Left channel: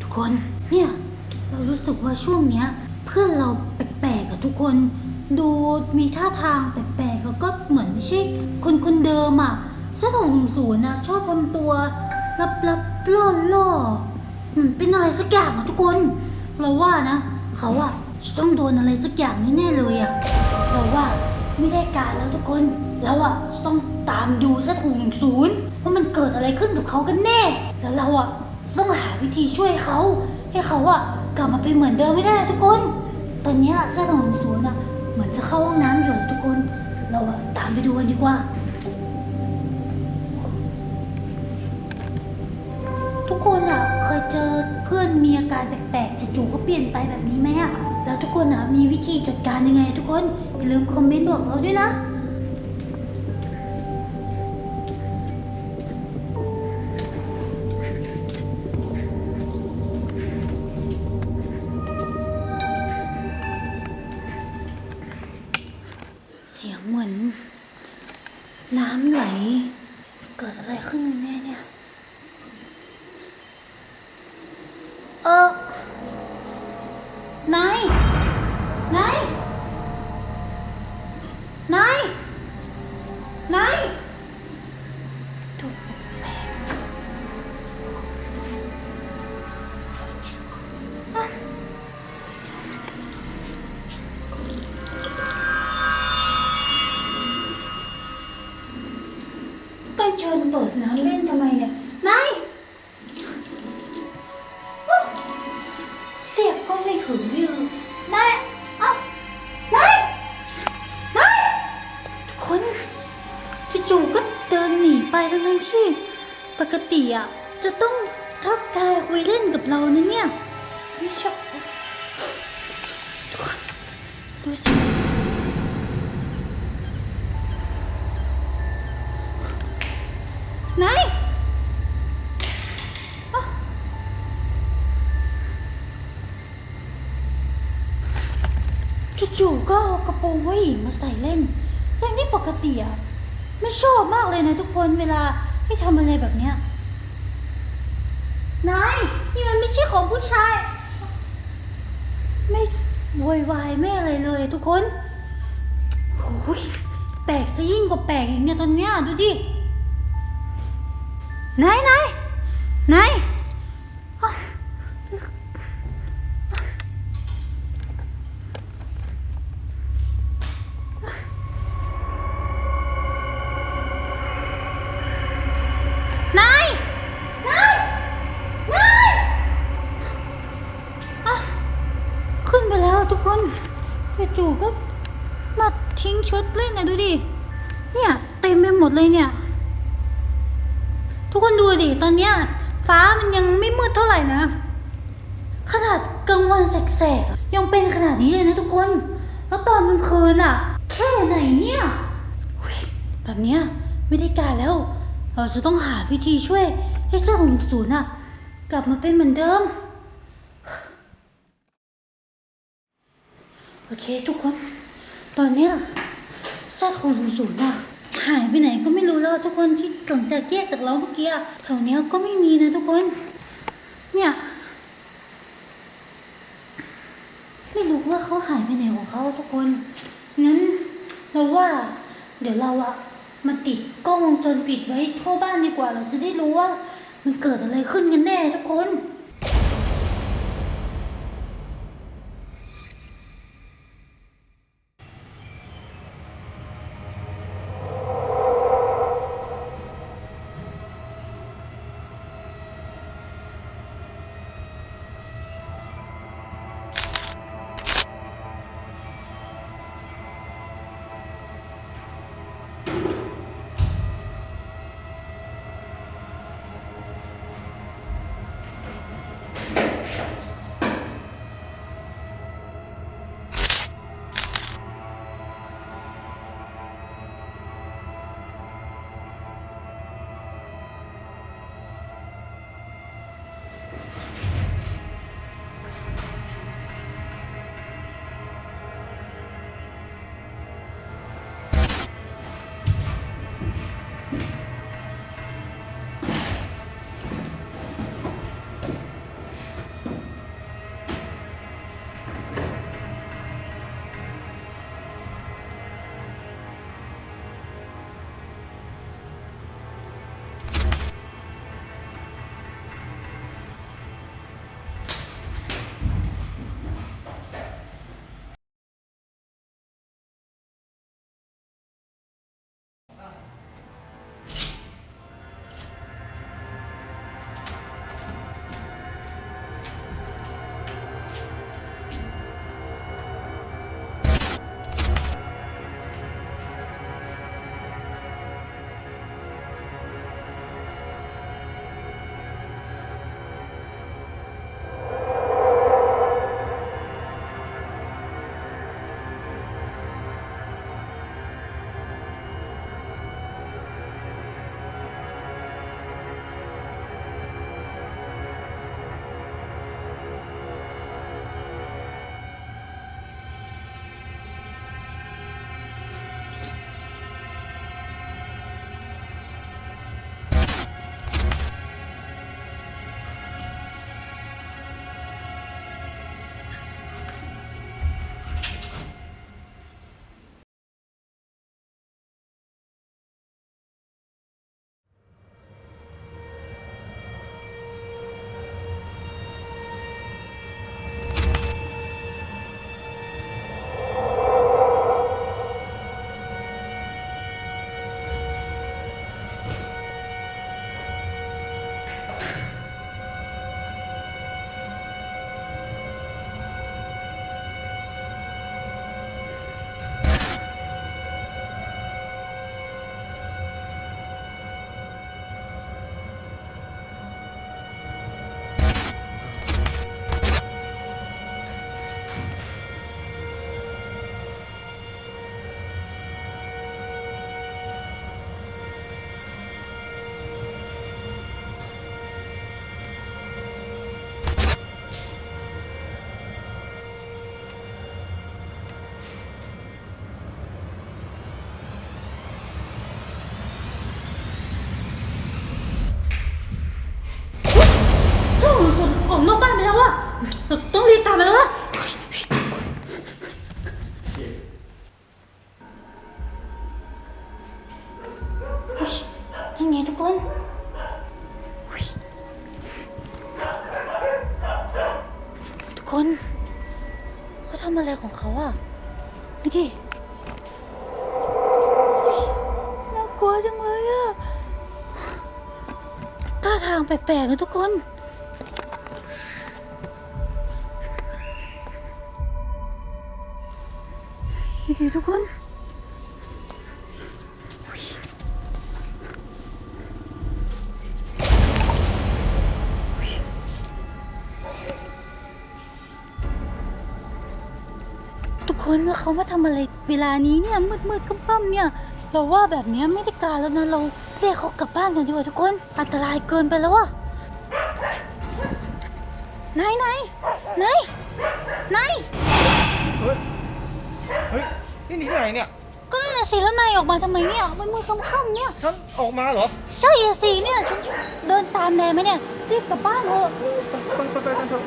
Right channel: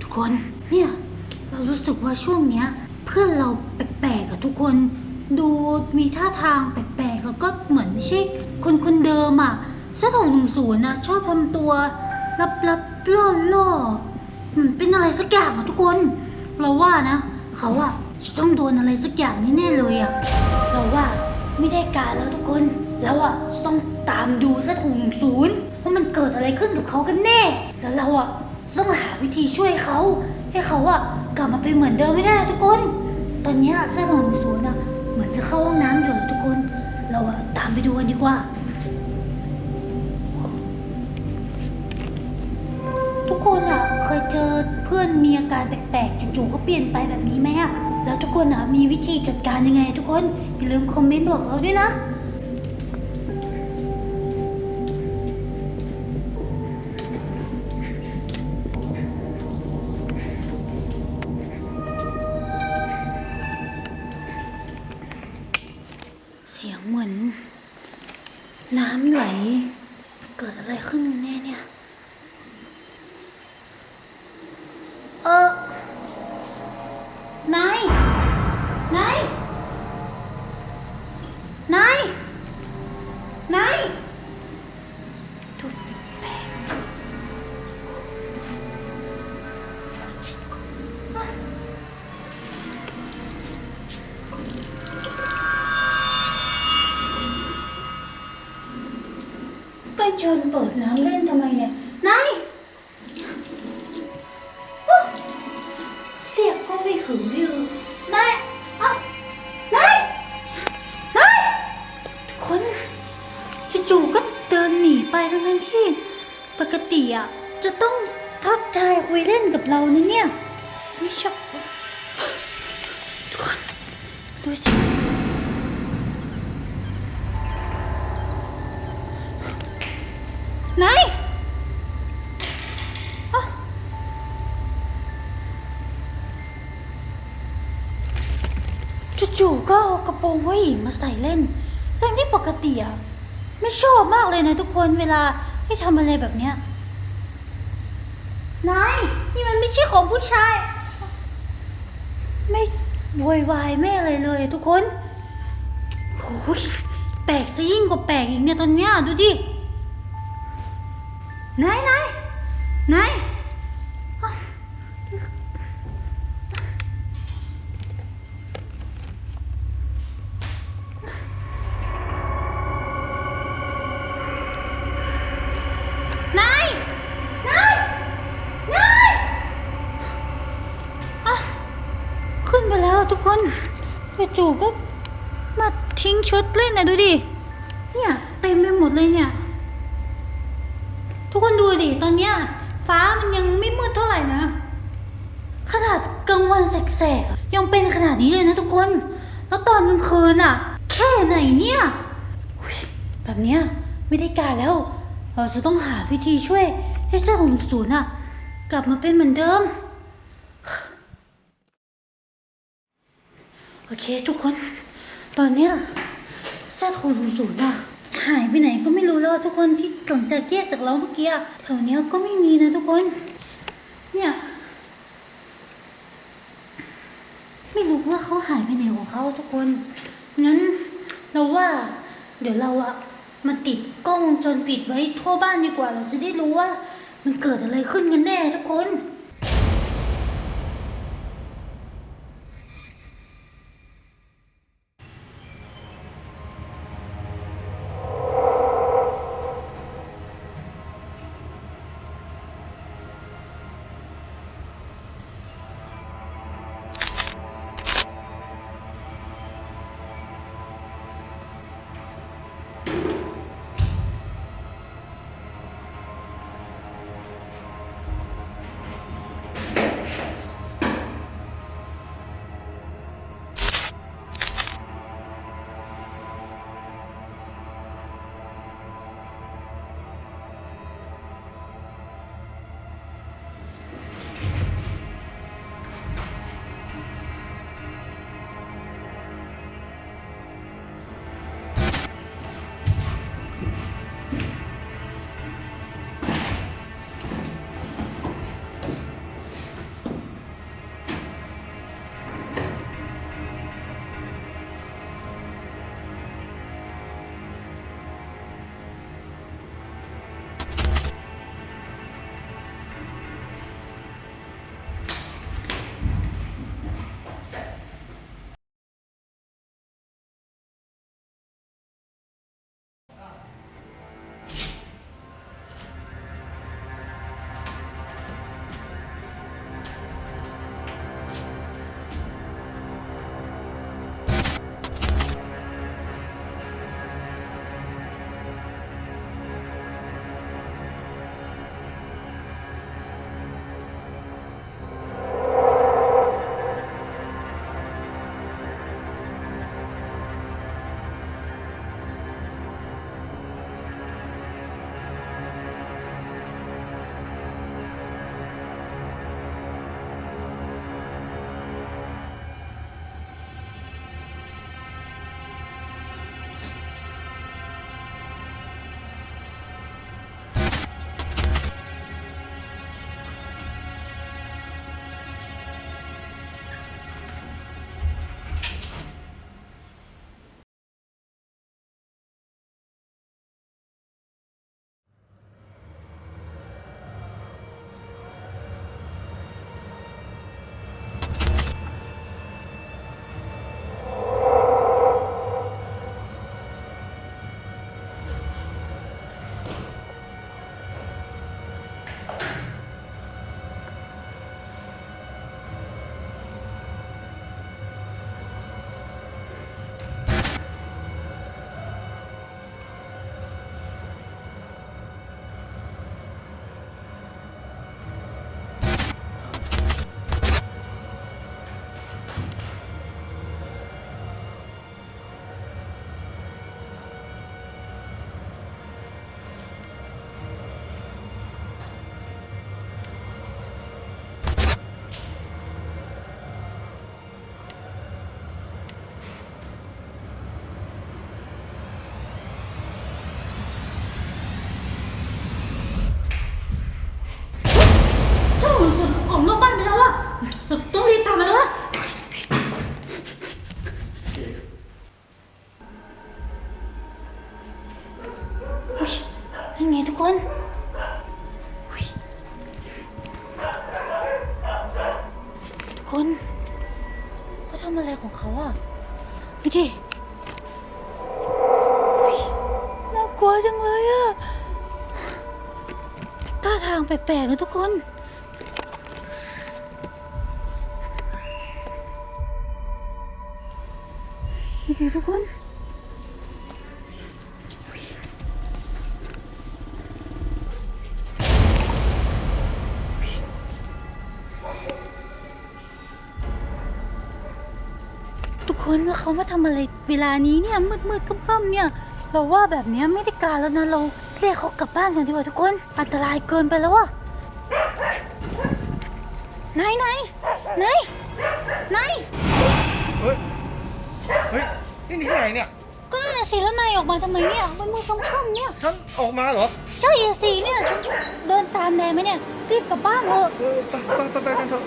ทุกคนเนี่ยเรารู้สึกว่าช่วงเนี้ย เพื่อนเราแปลกๆอะทุกคน ดูมีท่าทางแปลกๆแล้วก็เหมือนไม่ใช่คนคนเดิมอะเสื้อถงหนึ่งศูนย์นะชอบทำตัวลับๆล่อๆเหมือนเป็นอะไรสักอย่างอะทุกคน เราว่านะ เขาอะจะต้องโดนอะไรสักอย่างแน่ๆเลยอะเราว่าไม่ได้การแล้วทุกคนเราอะจะต้องตามดูเสื้อถงหนึ่งศูนย์ว่ามันเกิดอะไรขึ้นกับเขากันแน่ แล้วเราอะต้องหาวิธีช่วยเขาให้เขาอะกลับมาเป็นเหมือนเดิมไม่ได้ทุกคน ตอนเนี้ยเสื้อถงหนึ่งศูนย์อะเหมือนจะเข้าห้องน้ำอยู่แล้วทุกคน เราอะตามไปดูกันดีกว่า ทุกคนอะเคยเจอเพื่อนมีอาการแปลกๆจู่ๆก็เปลี่ยนไปแบบนี้ไหมอะแล้วทุกคนอะมีวิธีจัดการยังไง ทุกคนอย่าลืมคอมเมนต์บอกเราด้วยนะ สียงเหมือน น้ำไหล เกิดอะไรขึ้นแน่เนี่ย เออนายนายนายนาย ชิญเปิดน้ำเล่นทำไมเนี่ยนายเรียกก็ไม่ถึงไม่รู้นายอ้านายนายทุกคนจู่ๆก็เดินหนีไปทั้งๆที่ ปกติอะจะต้องทักทายคุยเล่นกับเรานะเนี่ยไม่ชอบทุกคนดูสิ จู่ๆก็เอากระโปรงผู้หญิงมาใส่เล่นเรื่องที่ปกติอะไม่ชอบมากเลยนะทุกคนเวลาให้ทำอะไรแบบเนี้ยนายนี่มันไม่ใช่ของผู้ชาย ไม่โวยวายไม่อะไรเลยทุกคนโอ้ยแปลกซะยิ่งกว่าแปลกอีกเนี่ยตอนเนี้ยดูดินายนายนาย จู่ๆก็มาทิ้งชุดเล่นนะดูดิ เนี่ยเต็มไปหมดเลยเนี่ย ทุกคนดูดิ ตอนเนี้ยฟ้ามันยังไม่มืดเท่าไหร่นะ ขนาดกลางวันแสกๆยังเป็นขนาดนี้เลยนะทุกคน แล้วตอนกลางคืนอะ แค่ไหนเนี่ยแบบเนี้ยไม่ได้การแล้ว เราจะต้องหาวิธีช่วยให้เสื้อของหนึ่งศูนย์อะ กลับมาเป็นเหมือนเดิม โอเค ทุกคน ตอนเนี้ยเสื้อของศูนย์อะหายไปไหนก็ไม่รู้แล้วทุกคนที่หลังจากแยกจากเราเมื่อกี้อะแถวเนี้ยก็ไม่มีนะทุกคน เนี่ยไม่รู้ว่าเขาหายไปไหนของเขาทุกคนงั้นเราว่า เดี๋ยวเราอะมาติดกล้องวงจรปิดไว้ทั่วบ้านดีกว่า เราจะได้รู้ว่า มันเกิดอะไรขึ้นกันแน่ทุกคน คนทุกคนเขาทำอะไรของเขาอะดูดิน่ากลัวจังเลยอะท่าทางแปลกๆนะทุกคนนี่คือทุกคน คนแล้วเขามาทำอะไรเวลานี้เนี่ยมืดมืดๆค่ำๆเนี่ย เราว่าแบบเนี้ยไม่ได้การแล้วนะเราเรียกเขากลับบ้านกันดีกว่าทุกคน อันตรายเกินไปแล้วอะไหนไหนไหนไหนเฮ้ย เฮ้ย นี่ที่ไหนเนี่ย ก็นั่นน่ะสิแล้วนายออกมาทำไมเนี่ยมันมืดค่ำๆเนี่ย ฉันออกมาเหรอ ใช่อะสิเนี่ยฉันเดินตามแนายมาเนี่ยรีบกลับบ้านเถอะเออไปไปไปไปกันเถอะ